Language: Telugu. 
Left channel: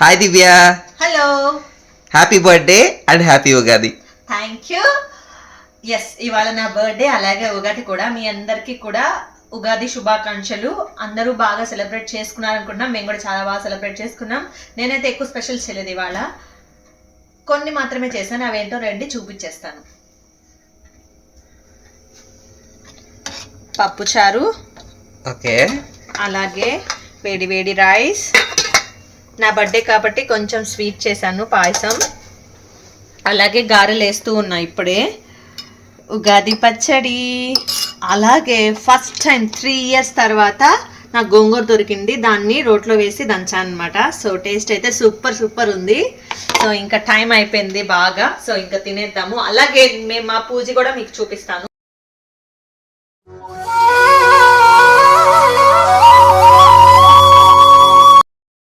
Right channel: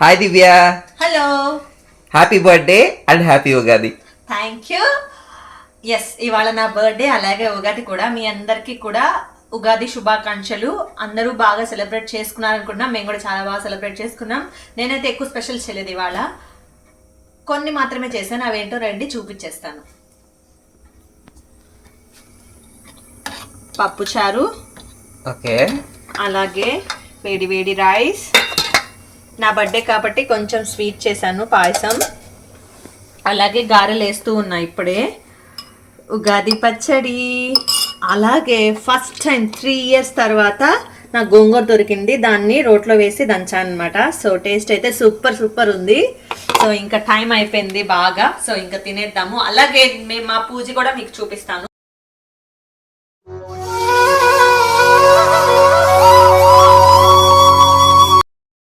Hi Divya. Hello. Happy birthday and happy Ugadi. Thank you. Yes, ఇవాళ నా బర్త్డే అలాగే ఉగాది కూడా. మీ అందరికీ కూడా ఉగాది శుభాకాంక్షలు. అందరూ బాగా సెలబ్రేట్ చేసుకున్నారనుకుంటున్నాం. మేము కూడా చాలా బాగా సెలబ్రేట్ చేసుకున్నాం. నేనైతే ఎక్కువ స్పెషల్ చేయలేదు ఇవాళ, కొన్ని మాత్రమే చేశాను. అవేంటో రండి చూపించేస్తాను. పప్పుచారు, ఓకే, అలాగే వేడి వేడి రైస్. నా బర్త్డే కాబట్టి కొంచెం స్వీట్ చేశాను, పాయసం. అలాగే గారెలు వేస్తూ ఉన్నా ఇప్పుడే. ఉగాది పచ్చడి. అలాగే ఫస్ట్ టైం 3 years తర్వాత నాకు గోంగూర దొరికింది, దాన్ని రోట్లో వేసి దంచాను అనమాట. సో టేస్ట్ అయితే సూపర్ సూపర్ ఉంది. సో ఇంకా టైం అయిపోయింది బాగా, సో ఇంకా తినేద్దాము. అలాగే మేము మా పూజ కూడా మీకు చూపిస్తాను.